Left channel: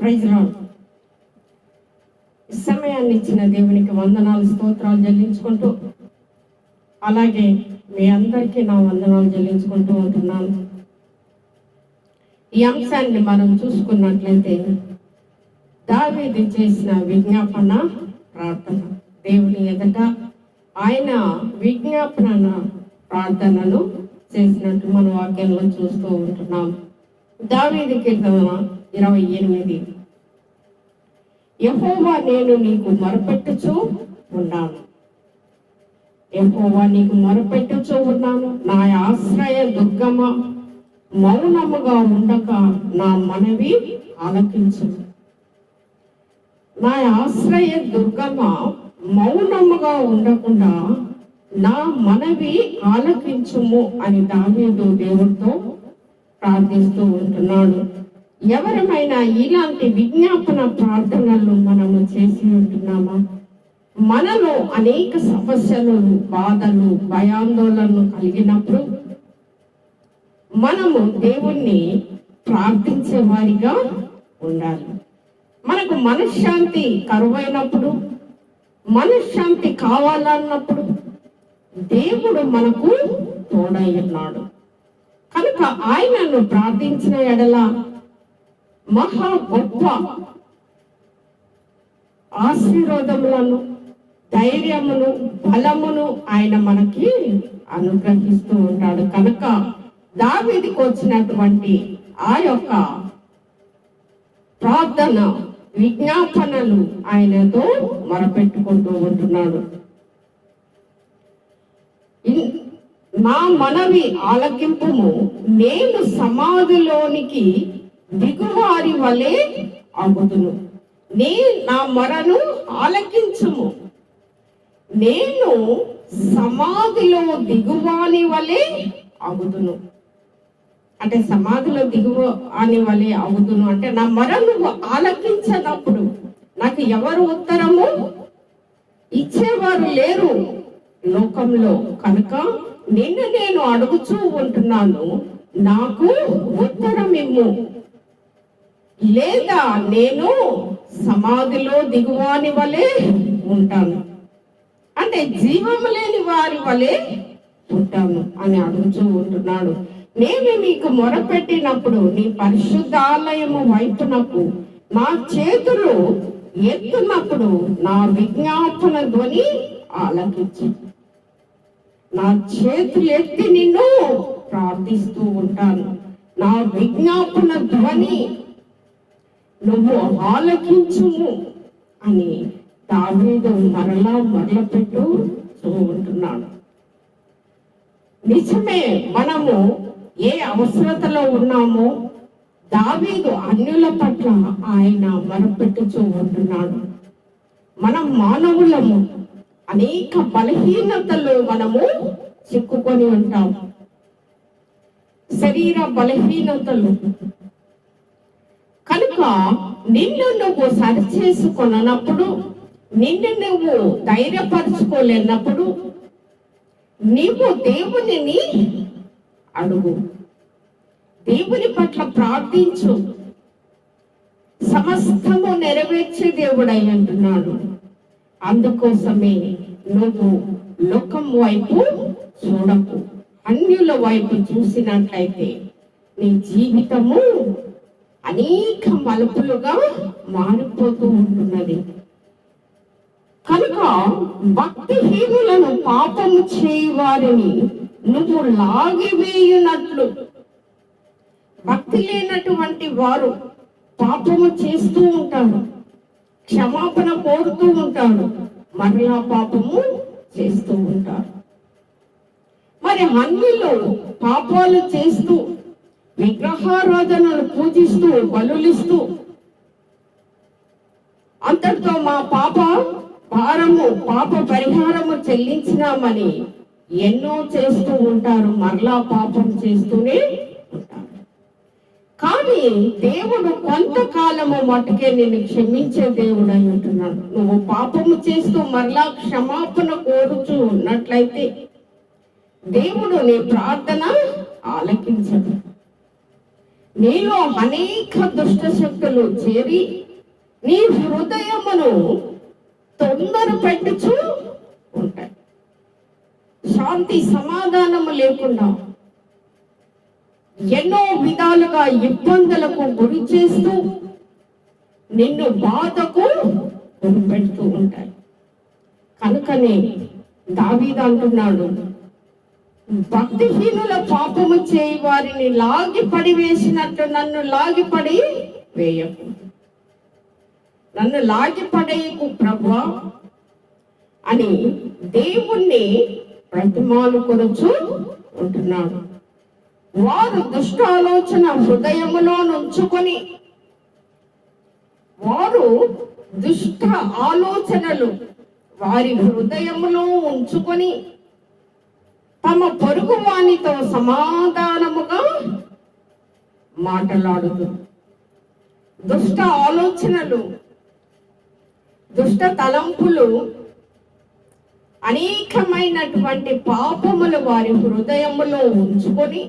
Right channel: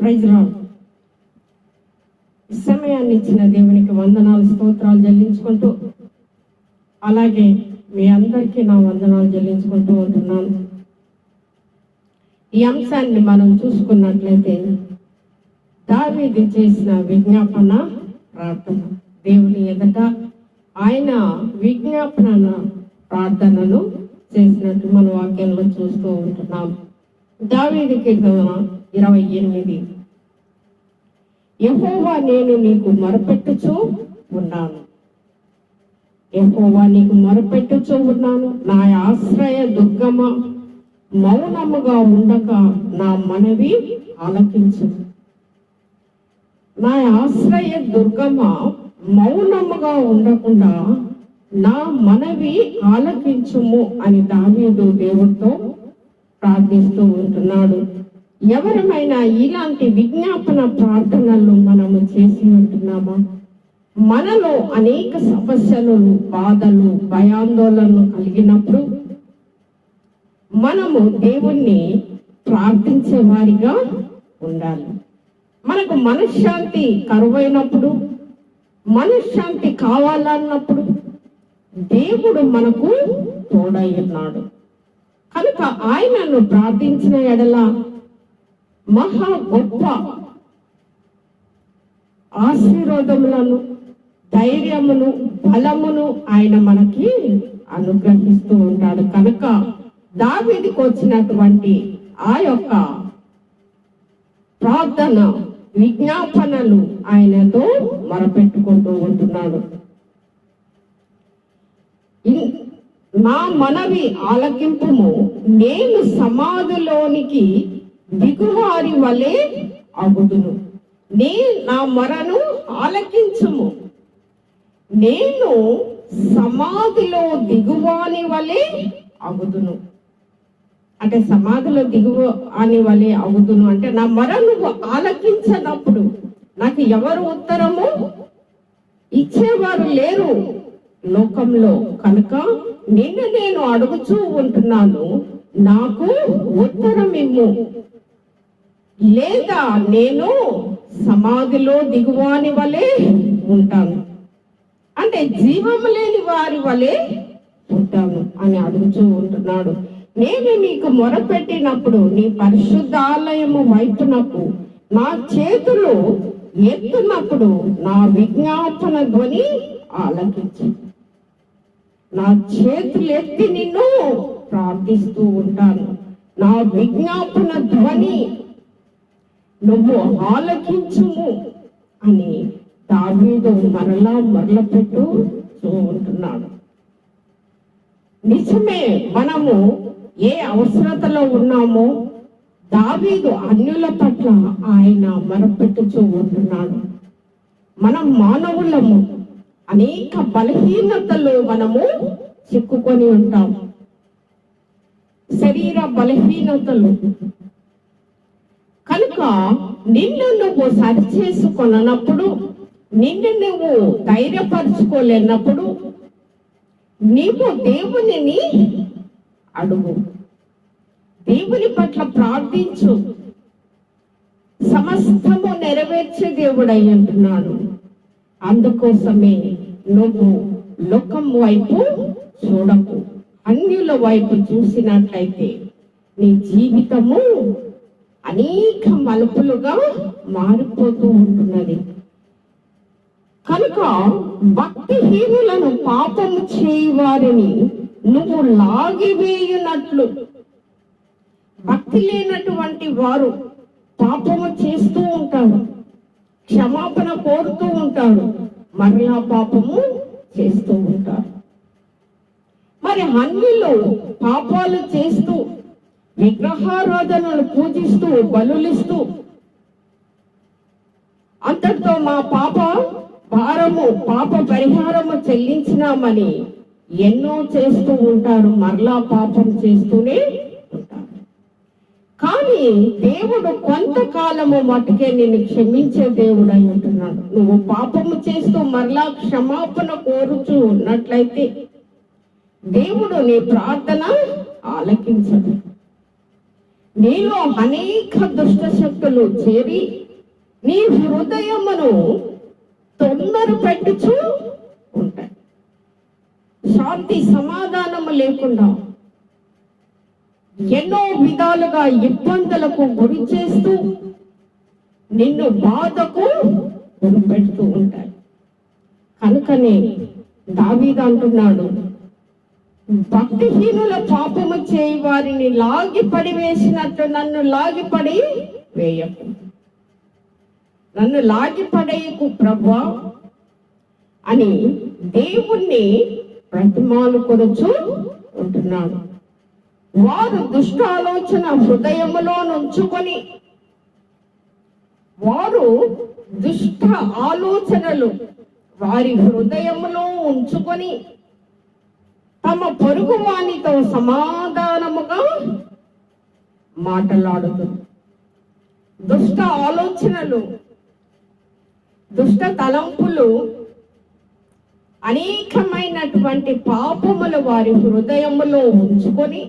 Praise సమయాన్ని ఇచ్చిన దేవునికి వందనాలు స్తోత్రాలు చెల్లించుకుంటూ అలాగే మీ అందరికీ నా వందనాలు చెల్లించుకుంటూ ఉంటున్నాను. ఈ అంశాన్ని మనం చూసుకున్నట్లయితే దావీది చేసిన విజ్ఞాపన ప్రార్థన. దేవుని ఎదుట ఆయన విజ్ఞాపన ప్రార్థనను చేసినట్టు మన వాక్యంలో చూస్తూ ఉంటున్నాం. దావీది కీర్తన ఇరవై ఎనిమిది. యహోవా నేను నీకు మొరపెట్టుచు ఉన్నాను. యహోవా నీకు మొరపెట్టుచు ఉన్నాను. నా ఆశ్రయ దుర్గమ మౌనముగా ఉండక నా మనవి ఆలకించు నా ఆశ్రయ దుర్గమ మౌనముగా ఉండకుండా నా మనవి ఆలకించుము అని దావీదు దేవుడితో ప్రార్థిస్తూ ఉంటున్నాడు. ఎవరమైనా ఇలాంటి విజ్ఞాపన ప్రార్థనలు మనము చేసి ఉంటున్నామా? మనలో అనేక సమస్యలు బాధలు భయాందోళనలు కలిగినప్పుడు మనము దేవుణ్ణి ప్రార్థించే వారిగా ఉండాలి. మనకు మనశ్శాంతి కరువైనప్పుడు మనశ్శాంతి కావాలన్నప్పుడు దేవుడు మనకు తోడై ఉన్నాడు. కనుక ఆయనను ప్రార్థించిన ఎడల మహా గొప్ప ఆశీర్వాదములను ధైర్యమును బలమును ఆయన మనకి అనుగ్రహిస్తూ ఉంటాడు. కనుక దావీదికి వచ్చినటువంటి ఆ యొక్క ప్రార్థన విజ్ఞాపనలు ఆయనతో మరపెట్టుకుంటూ ఉంటున్నాడు. మా నా మనవి ఆలకింపుము నేను సమాధిలోనికి దిగువారి వలె అగుదును నే నా మరను ఆలకించుము. నేను సమాధిలో దిగువాని వలె అగుదును అంటే సమాధిలో దిగువ అని వలె అవుతును అంటే నా మొర నువ్వు ఆలకించనప్పుడు నాకు ఎవరు ఉత్తరము? ఇచ్చేవారు లేరు లోకంలో. కనుక నిన్ను నేను అడుగుచూ ఉంటున్నాను. నాకు ఉత్తరం ఇమ్ము లేదా నేను సమాధిలో దిగువాని వలె ఉంటాను. అంటే జీవము లేని వారి వలె ఉంటాను అని అడుగుతూ ఉంటున్నాడు. నేను నీకు మొరపెట్టినప్పుడు నీ పరిశుద్ధాలయము వైపునకు నా చేతులు ఎత్తున్నప్పుడు నా విజ్ఞాపన ధ్వని ఆలకించి. నా చేతులు ఎత్తి నిన్ను ప్రార్థిస్తూ ఉంటాను. నా విజ్ఞాపన ధ్వని నువ్వు ఆలకించుము అని దావీదు మరలా మరల పెట్టు ఉంటున్నాడు నిజమే మనము ఏ అవసరతలో ఉన్నామో దావీదు అన్యుల పట్ల ఆయన మరపెట్టుచూ ఉంటున్నాడు. మనం మానవులము అనేక బలహీనతలు మనము చిక్కుకొని ఉంటాము శరీర బలహీనతలు కనుక నిన్ను నువ్వు సరిచేసుకొనప్పుడు నిన్ను నువ్వు ధైర్యపరచుకోలేనప్పుడు నీవు దేవునిని అడుగు. దేవుని పట్ల ప్రార్థించు. సమస్తము నెరవేర్చే దేవుడై అంటున్నాడు అందుకోసమే నువ్వు లోకం వైపు చూడకు. అన్యుల వైపు చూసినట్లయితే నీ జీవితము అనేక మలుపులుగా మారిపోతూ ఉంటున్నది. కనుక భక్తిహీనులను పాపము చేయు వారిని నువ్వు లాగివేయునట్లు. భక్తి లేనటువంటి వారు పాపము చేస్తూ ఉంటారు. క్షమాపణ కోరుతూ ఉంటారు. మరలా పాపము చేస్తూ ఉంటారు. మరి అన్నిలో పాపాలు చేస్తూ విగ్రహారాధనలు పూజిస్తూ బలులిస్తూ అంతటితో మా పాప భారము పాప పరిహారము చెల్లించినామని ఎన్నో చేస్తూ ఉంటారు మరలా పాపం చేస్తూనే ఉంటారు. కానీ దేవుడు కొంతకాలము మటుకే నిన్ను క్షమించే దేవుడు అయి ఉంటున్నాడు. నువ్వు పాపము చేస్తూ మరలా క్షమాపణ కోరుచు ఉన్నట్లయితే దేవుడు నీ ప్రార్థన ఆలకించదు నీలో అనేక దుష్ట శక్తులు చేరి నీ హృదయమును తొందర పెట్టుచు ఉంటాయి శాంతి సమాధానము లేకుండా ఎన్నో విధాలుగా ఇబ్బందులకు గురి చేస్తూ నిన్ను బాధకు గురి పెడుతూ ఉంటాయి కనుకనే దావీదంటున్నాడు అంటున్నాడు భక్తిహీనుల పాపము చేయి వారిని లాగి పడి వేసినట్టు నన్ను లాగి పడి వేయకు. నన్ను లాగి పడేయకు ప్రభా అని దేవుణ్ణి ప్రతిమాలు కొరచు ఉంటున్నాడు. వారు దుష్ట ఆలోచన హృదయములో నుంచుకొని వారు దుష్ట ఆలోచనలు వారి హృదయములో ఉంచుకొని తమ పొరుగు వానితో సమాధానముగా మాట్లాడుతుంది. దుష్ట ఆలోచనలు దుష్ట తలంపులు అనేకమైనటువంటి పాపములు వారి హృదయములో ఉంచుకొని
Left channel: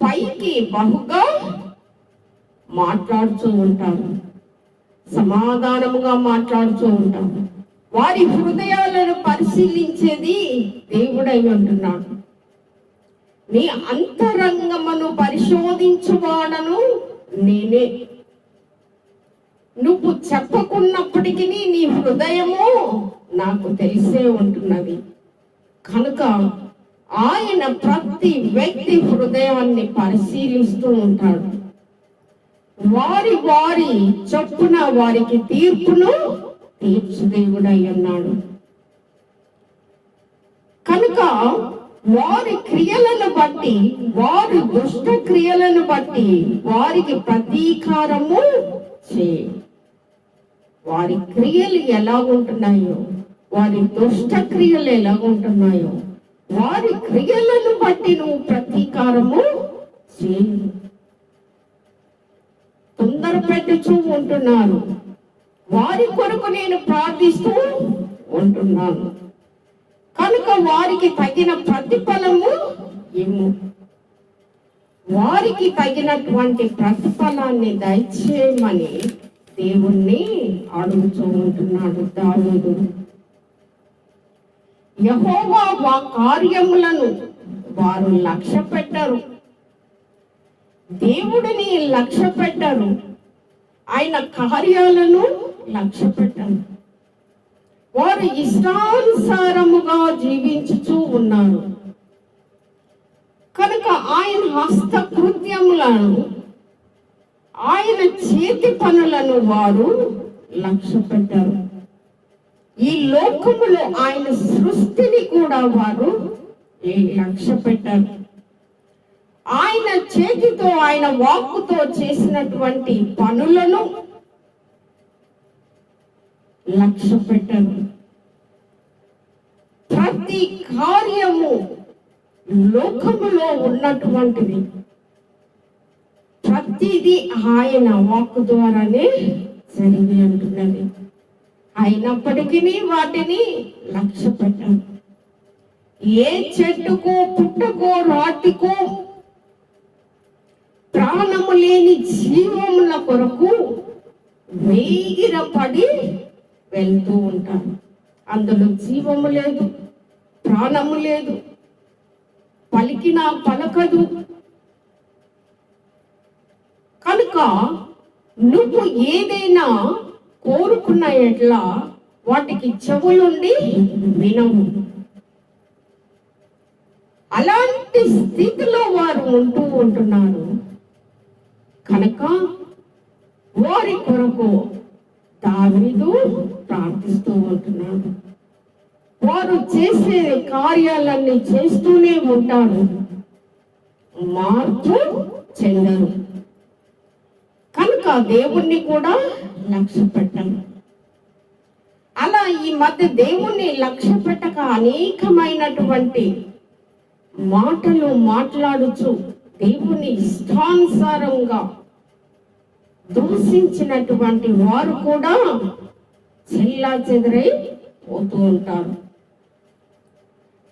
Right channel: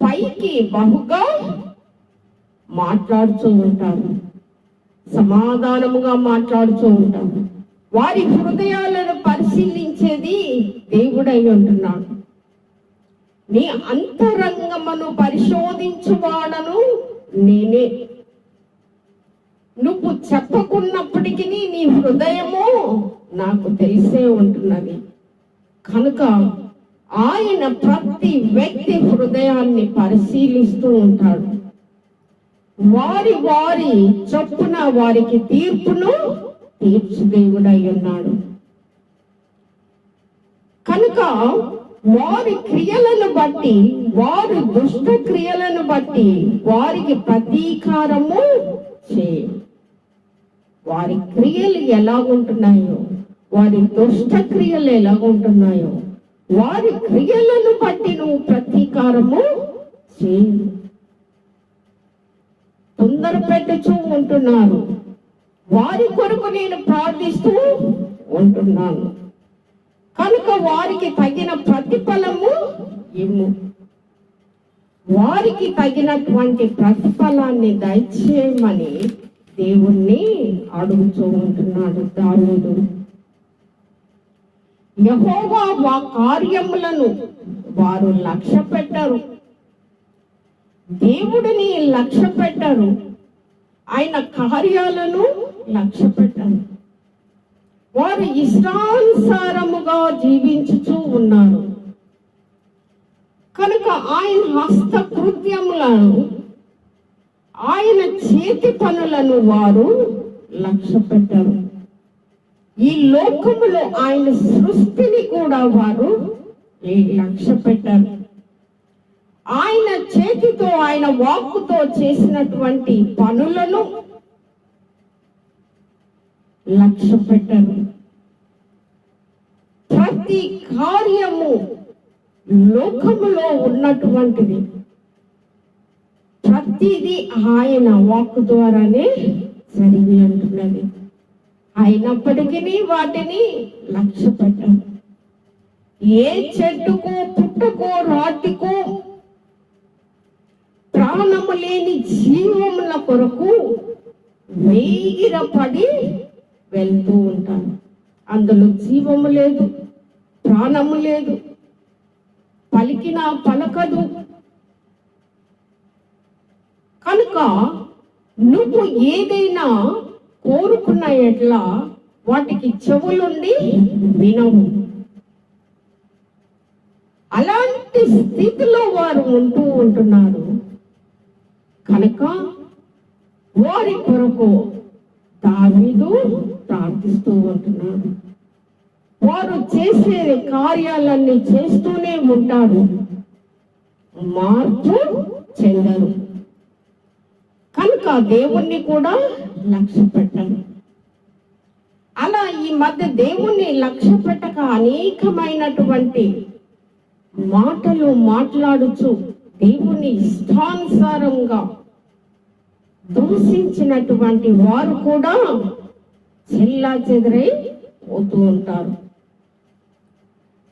పైకి బహుగా మాట్లాడుతూ ఉంటారు. సమాధానముగా మాట్లాడుతూ ఉంటారు. వారి హృదయాలను పరిశీలించేది దేవుడై ఉంటున్నాడు. నీ అంతరంగమును పరిశోధించువాడను నేనే. నువ్వు చెప్పకున్నప్పటికీ నీ హృదయము నాకు తెలిసే ఉంటున్నది. కనుక ఆయన ప్రతి వ్యక్తి హృదయాన్ని పరిశీలిస్తూ ఉంటాడు. వారి వారి చొప్పున వారికి తీర్పును తీర్చు దేవుడై ఉన్నాడు కనుక వారి క్రియలను బట్టి వారి దుష్ట క్రియలను బట్టి వారికి ప్రతీకారము చే. వారి క్రియలు ఎలా ఉంటున్నాయో వారి దుష్ట క్రియలు ఎలా ఉంటున్నాయో వారి క్రియలను బట్టి నువ్వు ప్రతీకారము చేయి. తొందర పెట్టుచూ ఉంటున్నారు. వారి కొరకు నేను ప్రార్థిస్తూ ఉంటున్నాను. కనుక వారికి తగిన ప్రతిఫలము ఇమ్ము వారికి తగినటువంటి ప్రతిఫలాన్ని దయచేయమని దేవుణ్ణి అడుగుతూ ఉంటున్నాడు దావుడు యహోవా వా కార్యములను వారు లక్ష్య పెట్టరు దేవుడిని లక్ష్య పెట్టరు ఆయన కార్యాలను లక్ష్య పెట్టాను వారు ఇష్టానుసారముగా జీవించుచూ ఉన్నారు. కనుక ఆయన హస్త కృత్యములను ఆయన చేతి పనులను వారు లక్ష్య పెట్టారు ఈ లోకములో ఆయన సృష్టిని కూడా వారు లక్ష్య పెట్టారు ఆయన చేతితో ఆయన వాక్కుతో చేసినటువంటి పనులను లక్ష్య పెట్టారు ప్రతి కార్యము లోకములో ఉన్నటువంటిది. ప్రతిదీ ఆయన వాక్ ద్వారానే జరిగి ఉంటున్నది. అయినప్పటికీ వాటిని లక్ష్య పెట్టారు ఏ చెట్టుకో పుట్టకో రాటికో ప్రాణము లేని జీవముల కొరకు వేగిరపడి వెళ్తూ ఉంటారు అందులో జీవము లేదు ప్రాణము లేదు పలికినా పలకదు. కనుక నువ్వు ఏదైనా కోరుకున్న ఎట్లా వాటికి చెవులుండి వినవు. అలాంటి స్థితిలో వారు ఉంటూ ఉంటున్నారు. కనుక వారి కొరకు దావీదు ప్రార్థిస్తూ ఉంటున్నాడు. వారు చేసే కార్యాలన్నీ చేస్తూనే ఉంటారు మార్పు చెందరు. కనుక దేవుణ్ణి కూడా లక్ష్య పెట్టరు. అలా ఈ మధ్య దేవుణ్ణి లక్ష్య పెట్టక అనేకమైనటువంటి మాటలు మాట్లాడుచు దేవుని ఇష్టానుసారంగా దూషించినటువంటి వారు కూడా చెల్లా చెదరై పోతూ ఉంటారు.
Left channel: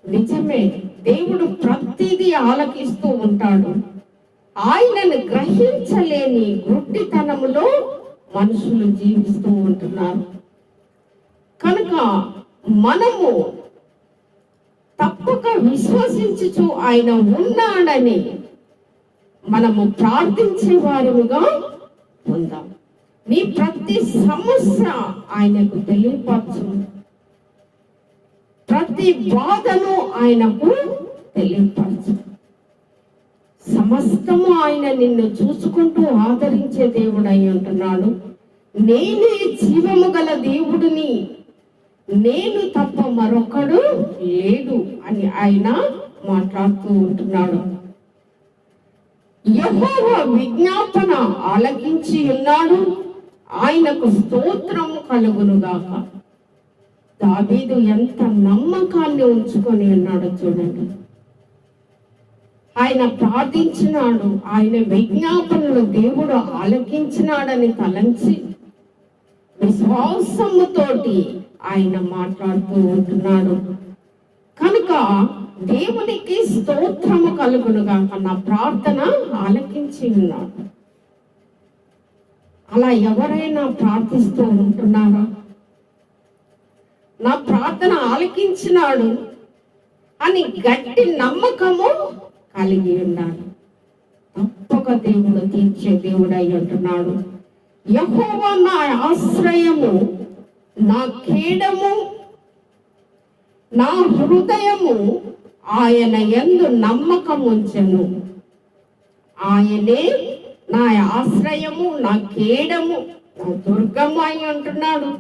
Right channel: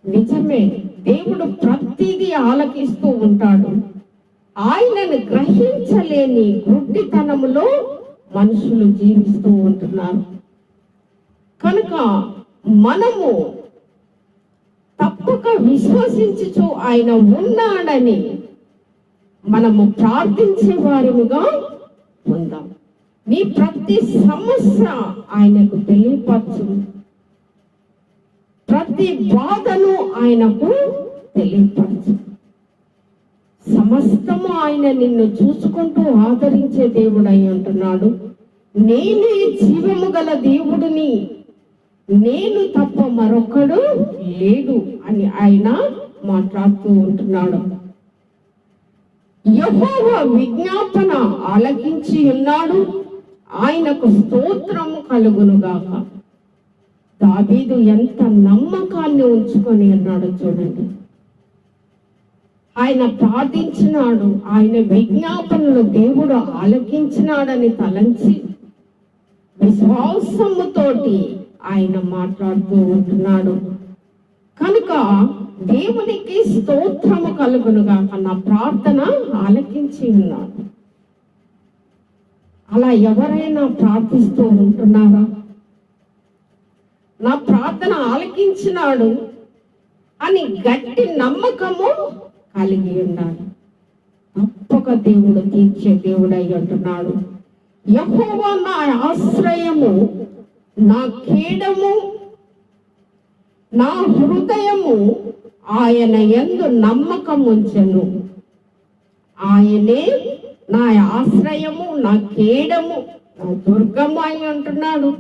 నిజమే దేవుడు ప్రతిదీ ఆలకిస్తూ ఉంటాడు. ఆయనను గ్రహించలేని గుడ్డితనములో మనుషులు జీవిస్తూ ఉంటున్నారు. కనుక మనము తప్పక విశ్వసించుచు ఆయన ఉన్నాడని మనము ప్రార్థించే వారిగా ఉందాం. నీ ప్రతి సమస్య ఆయనకు తెలియపరచు. ప్రతి బాధను ఆయనకు తెలియపరచు. సమస్తము ఆయన నిన్ను చూసుకుంటూ ఆదరించే దేవుడై ఉంటున్నాడు. నేనే జీవము గల దేవుడిని. నేను తప్ప మరొకడు లేడు అని ఆయన మాట్లాడుతూ ఉంటున్నాడు. యహోవ విజ్ఞాపన ఆలకించి ఉన్నాడు. ఆయనకు స్తోత్రం కలుగునుగాక. దావీదు ఎంత నమ్మకాన్ని ఉంచుకొని ఉన్నాడు చూడండి. ఆయన ప్రార్థించినాడు ఆయన విజ్ఞాపనలు దేవుడు ఆలకించినాడని తలంచి విశ్వాసముతోటి ఆయన మాట్లాడుతూ ఉంటున్నాడు. కనుక దేవునికి స్తోత్రము కలుగునుగా నా ప్రార్థన ఆలకించి ఉన్నాడు. అలా ఎవరైనా ప్రార్థిస్తూ ఉంటున్నారా? నా ప్రార్థన ఆలకించినాడు అని గట్టి నమ్మకము కలిగి ఉన్నాడు. తప్పక దేవుడు తీర్చే దేవుడు అయి ఉంటున్నాడు. యహోవా నా ఆశ్రయము నా కీడము నా హృదయము ఆయన ఎందు నమ్మకం ఉంచెను ఆయనే నా ఆశ్రయము నా కేడము నా దుర్గము అయి అంటున్నాడు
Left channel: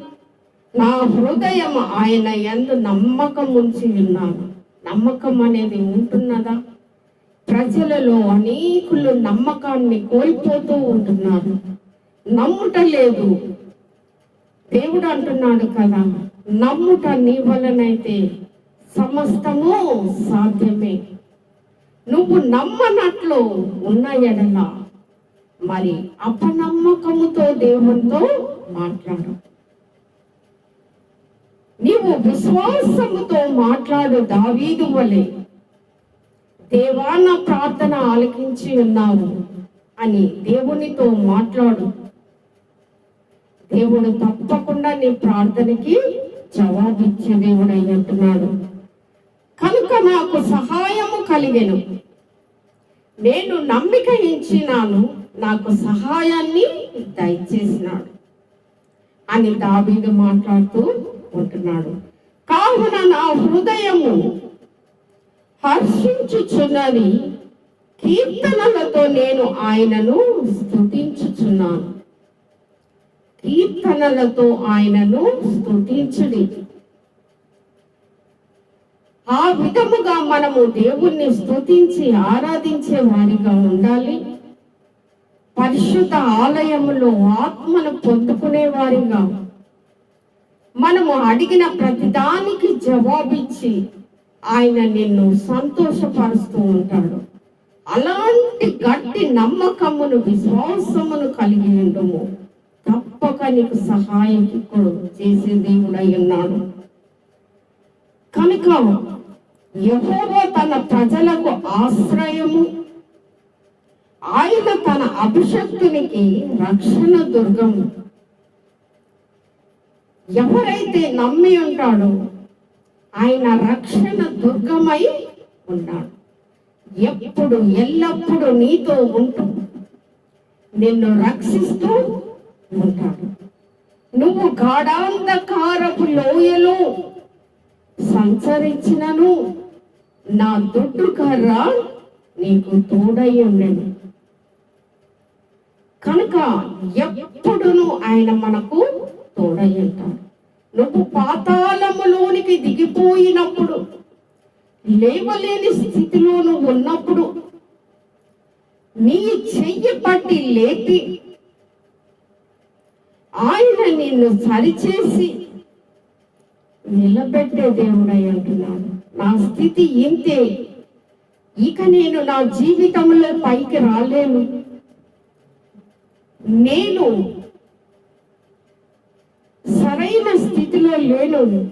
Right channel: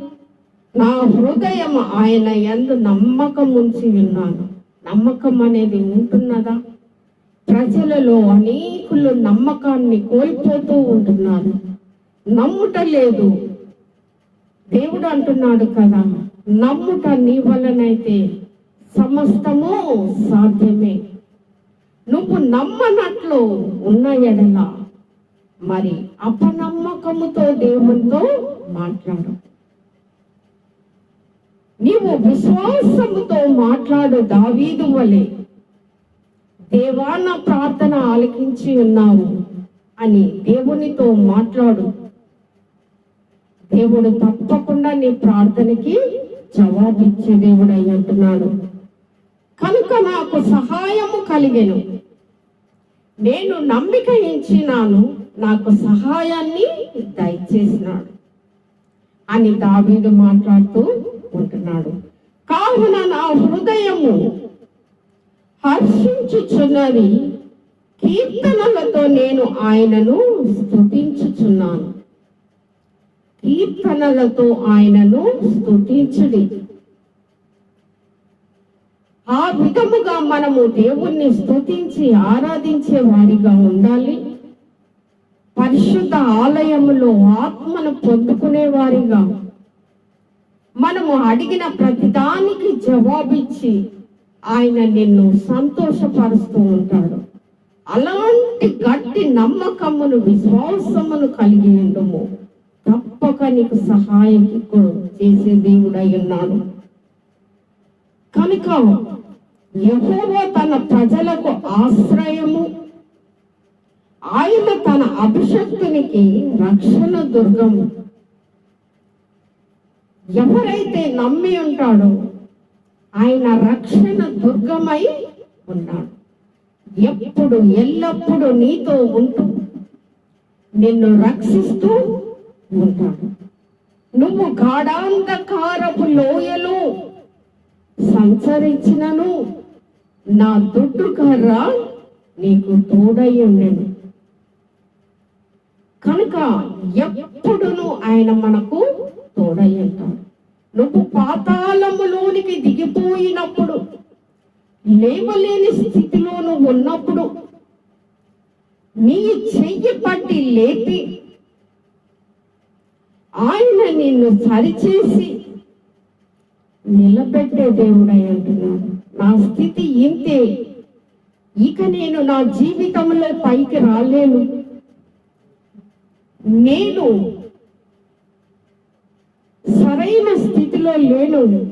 నా హృదయం ఆయన ఎందు నమ్మకం ఉంచి ఉన్నాను నమ్మకం అనేది ఉంటున్నదా? ప్రజలలో అనేకులు నమ్మకాన్ని కోల్పోతూ ఉంటున్నారు. నమ్ముట లేదు. దేవుడు అంటున్నాడు కదా నమ్ముట నీ వలనైతే సమస్తము సాధ్యమే. నువ్వు నమ్మనట్లు ఉన్న ఎడల మరి అపనమ్మకముతో దేవునితో మాట్లాడు. నీవు విశ్వాసముతో మాట్లాడు దావీదు వలె. దేవా నా ప్రార్థన ఆలకించి ఉన్నావు అని దేవునితో మాట్లాడు. దేవుడు తప్పకుండా నీ ప్రార్థనకి జవాబిచ్చే దేవుడు అంటున్నాడు కనుక నాకు సహాయము కలిగెను. నేను నమ్మిక ఇచ్చినాను నాకు సహాయాన్ని దయచేసినాడు అని దావీదు మాట్లాడుతూ ఉంటున్నాడు. కావున నా హృదయము హర్షించుచున్నది కీర్తనలతో నేను ఆయనను స్థుతించుచున్నాను కీర్తనలతో ఆయనను స్తుతించుడి. ఆ విధముగా మనము దేవుణ్ణి స్తుతించి ఆరాధించే వారిగా ఉండాలి. పరిశుద్ధ ఆలయములో ఆత్మను పొందుకునే వారిగా మనము అడిగిన ప్రతిదానికి జవాబిచ్చి ఆయన నిన్ను సంతోషపరుస్తూ ఉంటాడు. అలాంటి గట్టి నమ్మకమును విశ్వాసమును కలిగి ఉండము. తప్పక నీకు సహాయం చేసే దేవుడై ఉన్నాడు. కనుక యహోవా తన ప్రజలకు ఆశ్రయము. ఆయన తన అభిషక్తునికి రక్షణ దుర్గము. ఎవరైతే నమ్మి ఉంటాడో ఆయన రక్షణ దుర్గమై ఉన్నాడు. ఎప్పుడు ఎల్లప్పుడూ నీతో ఉంటూ నిన్ను రక్షిస్తూ ఉంటాడు. నువ్వు గాఢాంధకారపు లోయలో సంచరించినను. నా దొడ్డు కర్ర నీకు తోడై కనుక ఎప్పుడును ఆయన మనకు తోడై ఉంటాడు. నువ్వు పాతాళములోనికి దిగిపోయినప్పుడు లేవలేని స్థితిలో నువ్వు ఉన్నప్పుడు నీ చెయ్యి పట్టి లేపి ఆయన నిన్ను సరిచేసి నిలబెట్టే దేవుడై అంటున్నాడు. నా స్థితి ఇంతే. ఇక నేను నా జీవితంలో పైకి రాలేను. నేను సరైన స్థితిలో లేను.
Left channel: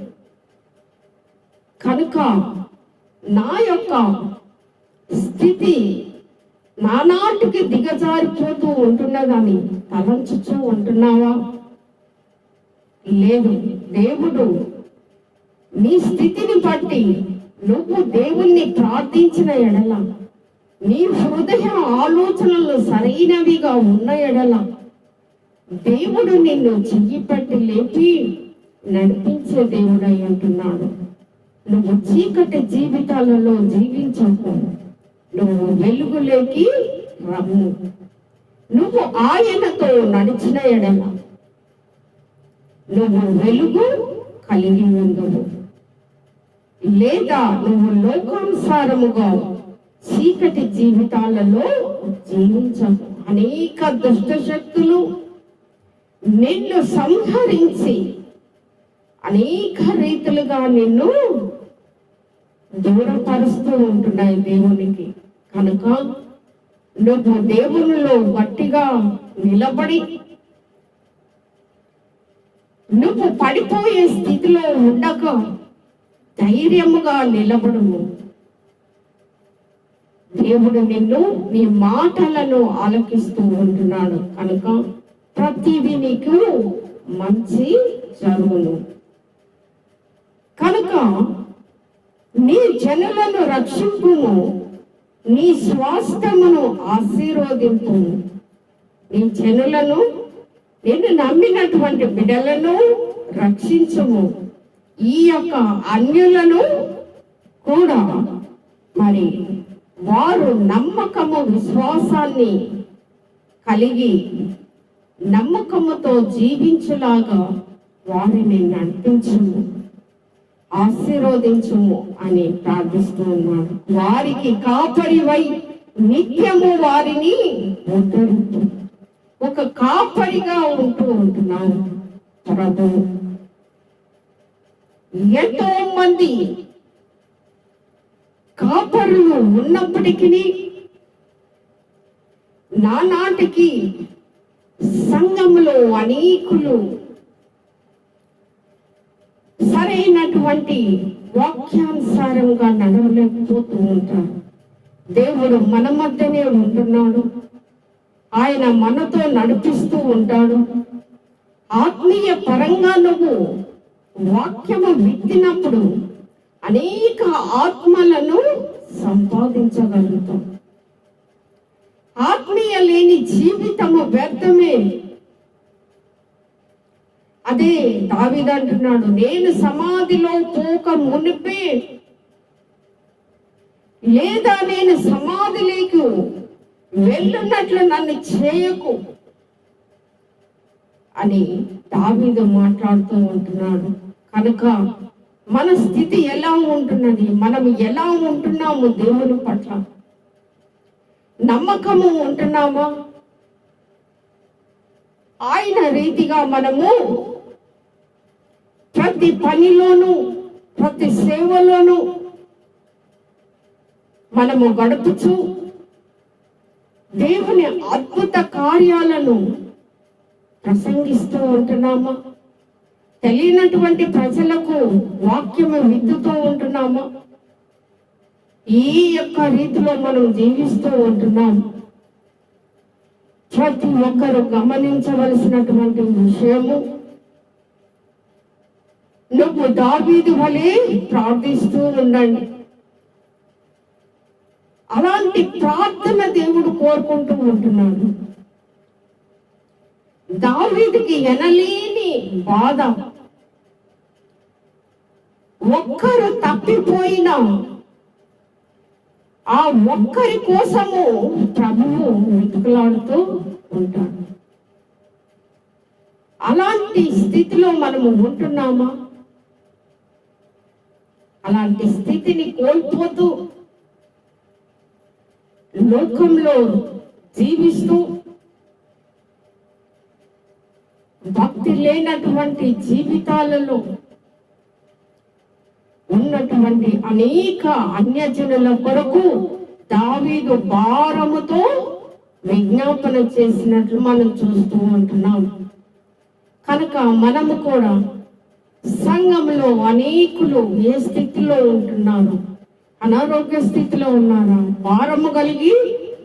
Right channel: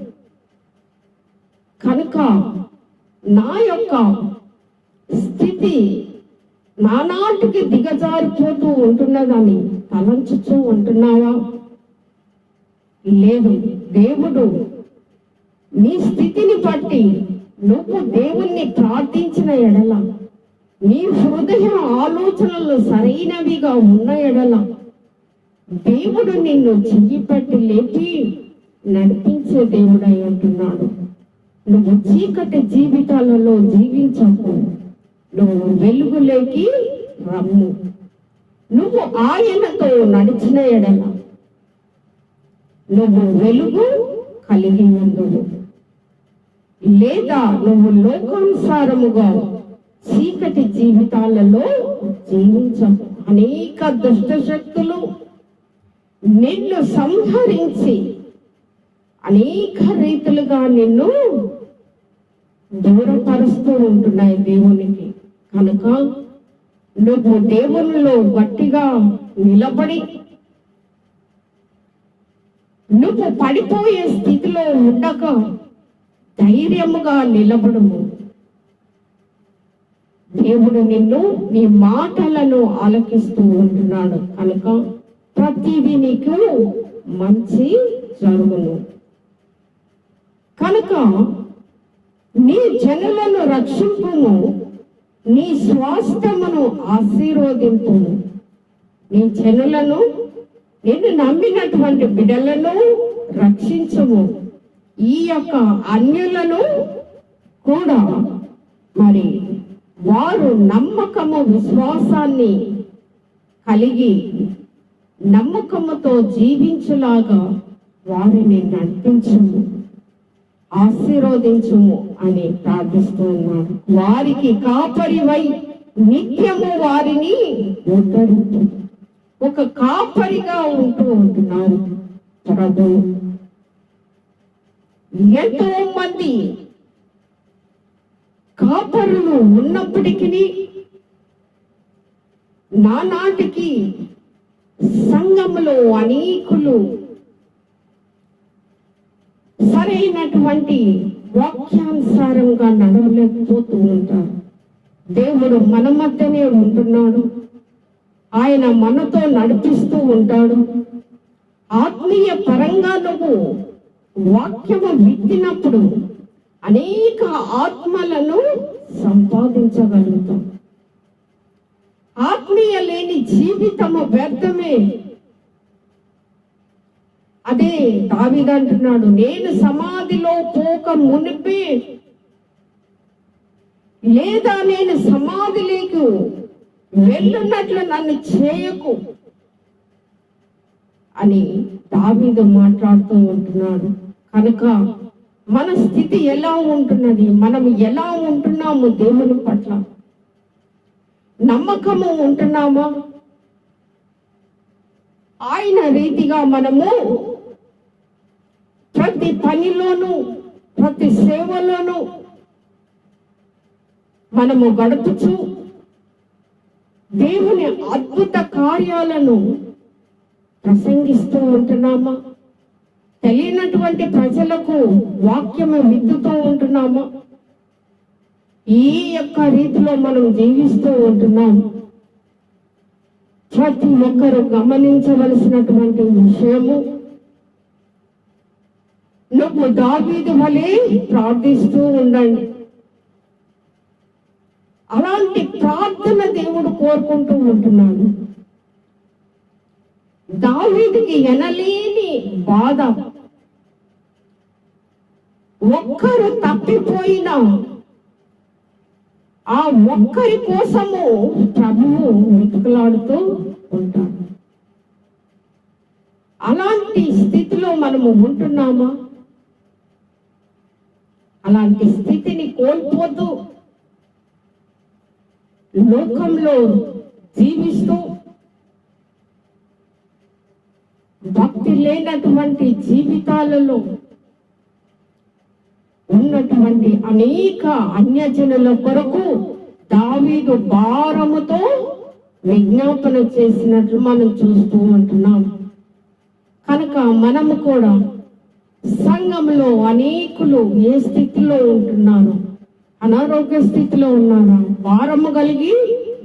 కనుక నా యొక్క స్థితి నానాటికి దిగజారిపోతూ ఉంటున్నదని తలంచుతూ ఉంటున్నావా? లేదు. దేవుడు నీ స్థితిని బట్టి నువ్వు దేవుణ్ణి ప్రార్థించిన ఎడల నీ హృదయ ఆలోచనలు సరైనవిగా ఉన్న ఎడల దేవుడు నిన్ను చెయ్యి పట్టి లేపి నడిపించే దేవుడై అంటున్నాడు. నువ్వు చీకటి జీవితాలలో జీవించకు. నువ్వు వెలుగులోకి రమ్ము. నువ్వు ఆయనతో నడిచిన ఎడల నువ్వు వెలుగు కలిగి ఉండవు లేదా నువ్వు లోకానుసారముగా చీకటి జీవితాలలో జీవించం. అనేక దుష్ట శక్తులు నిన్ను సంహరించి అనేక రీతులుగా నిన్ను దూరపరుస్తూ ఉంటున్నాయి దేవునికి. కనుక నువ్వు దేవునిలో గట్టిగా నిలబడి నువ్వు పడిపోయే స్థితిలో ఉండక ధైర్యముగా నిలబడుము. దేవుడు నిన్ను నీ మాటలను ఆలకిస్తూ ఉంటున్నాడు. కనుక ప్రతిదీ నీకు మంచి జరుగును. కనుక నీ జనులను రక్షింపుము నీ స్వాస్థమును ఆశీర్వదింపుము. నీ జనులను నిన్ను నమ్మినటువంటి బిడ్డలను రక్షించుము. ఈ యొక్క అన్యులను కూడా మరి వారు నమ్మకము విశ్వాసాన్ని కలిగి నమ్మకముతో జీవించులాగా వారిని నడిపించము ఆశీర్వదించుము అని ప్రార్థిస్తూ ఉన్నాడు వారికి కాపరివై నిత్యము వారిని ఉద్ధరించు ఒక కాపరిగా ఉంటూ ఉంటున్నాను ప్రభు ఎంతో మంది కాపరులు ఉన్నప్పటికీ నానాటికి సంఘములో అనేకులు సరైనటువంటి వాక్యానుసారంగా నడవలేకపోతూ ఉంటారు. దేవుడు మన మధ్యనే ఉంటున్నాడు. ఆయన మనతో నడిపిస్తూ ఉంటాడు. ఆత్మీయ పరంగా నువ్వు వాక్యము విత్తినప్పుడు అనేక ఆత్మలను సంపాదించగలుగుతాం. ఆత్మీయ లేని జీవితము వ్యర్థమే. అదే దావిదంటున్నాడు నేను సమాధిలో పోక మునిపే లేదా నేను సమాధిలోకి వెళ్ళున్నట్లు నన్ను చేయకు అని దావీదు మాట్లాడుతూ ఉంటున్నాడు. కనుక మన స్థితి ఎలా ఉంటున్నది? మనం ఎలా ఉంటున్నాము దేవుని పట్ల? నమ్మకము ఉంటున్నామా? ఆయన రీతిగా మనము ప్రతి పనిలోనూ ప్రతి సేవలోనూ మనము గడుపుచు దేవుని అద్భుత కార్యాలను ప్రసంగిస్తూ ఉంటున్నామా? తెలియనటువంటి ప్రజలకు వాక్యము విత్తుతూ ఉంటున్నామా? ఈ యొక్క రీతిలో మనం జీవిస్తూ ఉంటున్నాం. ప్రతి ఒక్కరు గమనించవలసినటువంటి విషయము నువ్వు దావీదు వలె ప్రార్థిస్తూ ఉండండి. అలాంటి ప్రార్థన దేవుడు కోరుకుంటూ ఉంటున్నాడు. దావీదికి ఎనలేని బాధ. ఒక్కరు తప్పిపోయిన ఆ ఒక్కరి కోసము ప్రభువు వెతుకులాడుతూ ఉంటాడు. అలాంటి స్థితిలో మనము ఉంటున్నామా? అలాంటి స్థితిని కోల్పోతూ లోకంలో జీవిస్తూ భక్తి లేనటువంటి జీవితాలలో ఉన్నటువంటి అనేక అన్యజనుల కొరకు దావీదు భారముతో విజ్ఞాపన చేసినట్లు మనం చూస్తూ ఉంటున్నాం. కనుక మనము కూడా సంఘంలో అనేకులు ఏ స్థితిలో ఉంటున్నారు? అనారోగ్య స్థితిలో ఉన్నారా? భారము కలిగి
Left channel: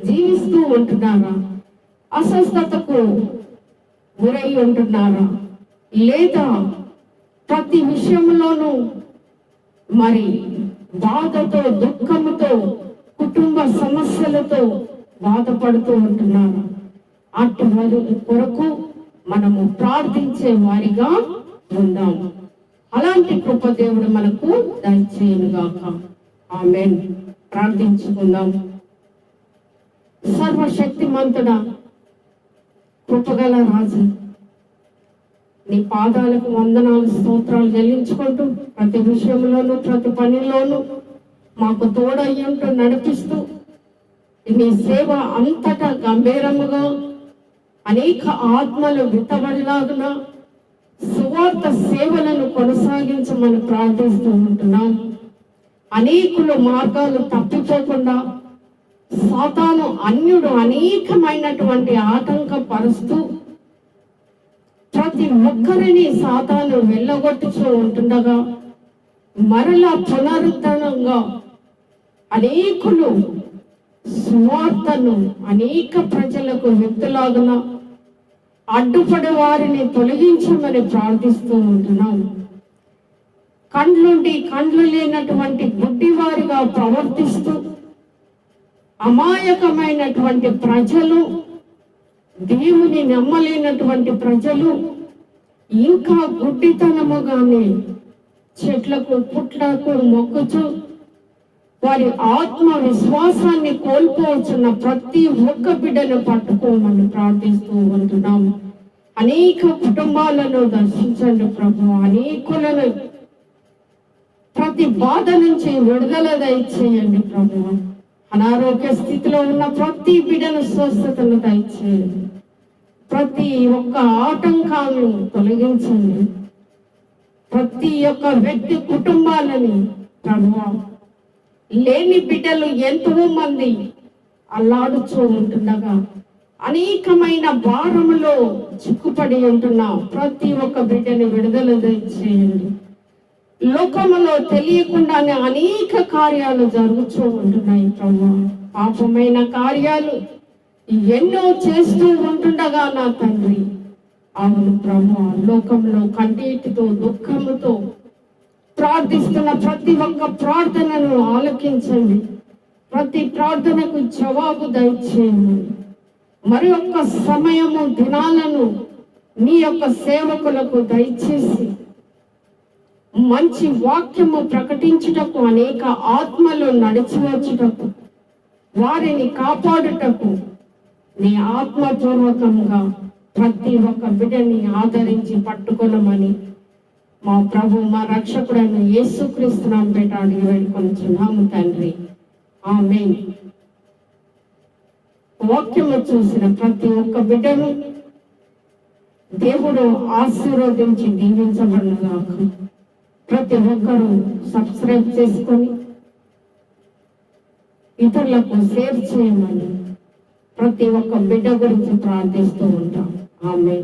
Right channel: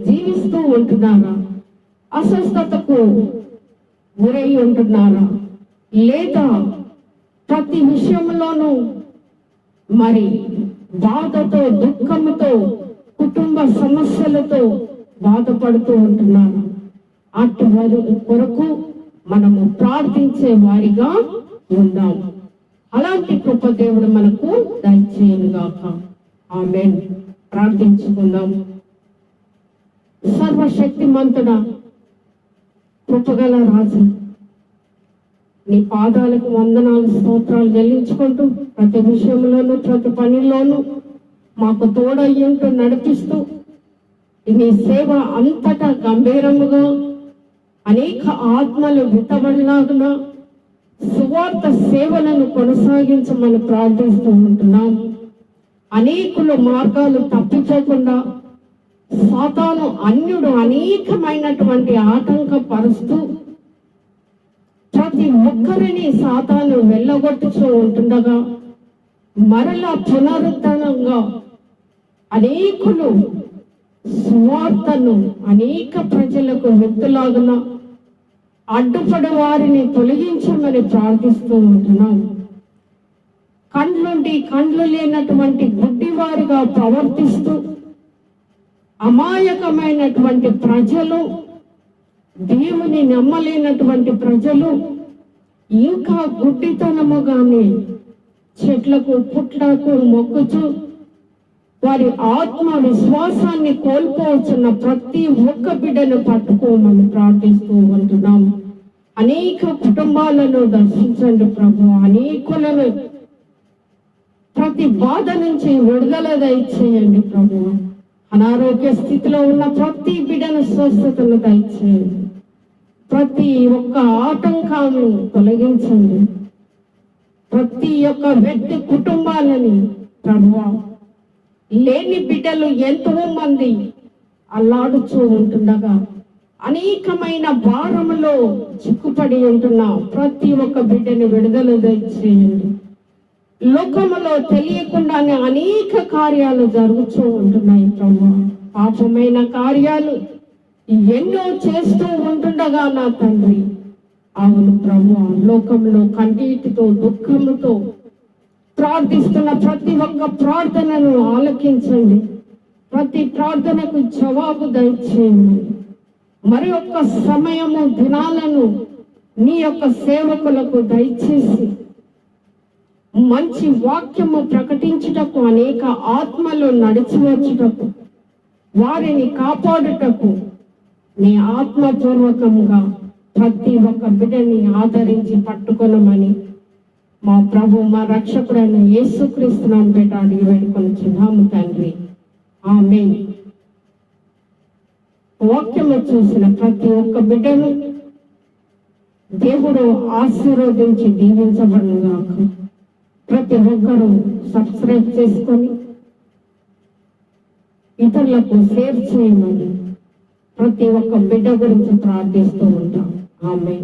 జీవిస్తూ ఉంటున్నారా? అస్వస్థతకు గురై ఉంటున్నారా లేదా ప్రతి విషయంలోనూ మరి బాధతో దుఃఖంతో కుటుంబ సమస్యలతో బాధపడుతూ ఉంటున్నారు అటు వారి కొరకు మనము ప్రార్థించే వారిగా ఉందాం. అలాంటి కృప దేవుడు మనకు దయచేయనుగాక. ఆమెన్. ప్రార్థించుకుందాం. సర్వశక్తిమంతుడా కృపగల రాజు నీ పాదాలకు వందనాలు స్తోత్రాలు చెల్లించుకుంటూ ప్రతి విషయంలోనూ ప్రతి పనిలోనూ మాకు తోడయ్యంటూ నడిపిస్తూ నీ సేవ అంతటా గంభీరముగా అనేక ఆత్మలు విత్తబడిలాగున సువార్త సేవలను కొనసాగించమని ప్రార్థిస్తూ ఉంటున్నాం. అనేకులు మార్గాలు తప్పిపోకుండా సాతాను అన్యుడు అనేకమైనటువంటి ఆటంకపరుస్తూ ప్రతి ఒక్కరిని సాతాను వెళ్ళగొట్టుచూ ఉంటుండగా మరలా పునరుద్ధరణంగా అనేకులు సువార్తను అనేక ప్రజలకు వ్యక్తులాగున అడ్డుపడి వారిని తొలగించమని ప్రార్థిస్తూ ఉంటున్నాం. కండ్లుండి కండ్లు లేనటువంటి గుడ్డివారుగా ప్రవర్తిస్తూ అమాయకమైనటువంటి ప్రజలు దేవుని నమ్మలేనటువంటి ప్రజలు ఇంకా గుడ్డితనముగానే చెట్లకు పుట్లకు మొక్కుచు వారి ఆత్మ విశ్వాసాన్ని కోల్పోవచ్చున్న ప్రతి ఒక్క బిడ్డను పట్టుకోమని ప్రార్థిస్తూ ఉంటున్నాం. అనేక కుటుంబాలను దర్శించండి ప్రభు. అనేకులను ప్రతి బాధ నుంచి విడుదల దయచేయండి ప్రభు. అనారోగ్య స్థితిలో ఉన్న ప్రతి బిడ్డను స్వస్థతను దయచేయండి ప్రతి ఒక్క ఆటంకాలను తొలగించండి. ప్రతి ఒక్క వ్యక్తి కుటుంబాలని ప్రభువా లేని బిడ్డలు ఎంతో మంది అల్లాడుచూ ఉంటుండగా అనేకమైన భారములో చిక్కుపడి ఉంటున్న ప్రతి ఒక్క బిడ్డని విడుదల చేయండి లోకములో తెలియకుండానే అనేక కార్యాలు జరుగుతూ ఉంటున్నాయి ప్రభు. పాపమైన కార్యాలు ఎన్నో చేస్తూ ఉంటుండగా నా తండ్రి. అవును ప్రభు లోకంలో కంటితో దుఃఖముతో ప్రార్థిస్తున్న ప్రతి ఒక్క ప్రార్థనను ఆలకించండి. ప్రతి ప్రార్థనకు జవాబు దయచేయండి. మరి ఒక్క సమయము దినాలను మీ యొక్క సేవకులకు దయచేసి మంచి వాక్యము ప్రకటించుటకు అనేక ఆత్మలు నడిచివచ్చుటకు వారిని కాపాడుటకు నీ ఆత్మపూర్వకంగా ప్రతి ఒక్క బిడ్డని ఆదరించి పట్టుకొనమని మా ప్రభు మా రక్షకుడైన యేసుక్రీస్తునాం పేట అడిగి వేడుకొనిచున్నాము తండ్రి. ఆమె వాక్యము చూసిన ప్రతి ఒక్క బిడ్డను దేవుడు ఆశీర్వదించి దీవించబడుగాక ప్రతి ఒక్కరూ సబ్స్క్రైబ్ చేసుకొని ఇతరులకు షేర్ చేయమని ప్రతి ఒక్క బిడ్డ గురించి ప్రార్థిస్తూ ఉంటాం. ఆమె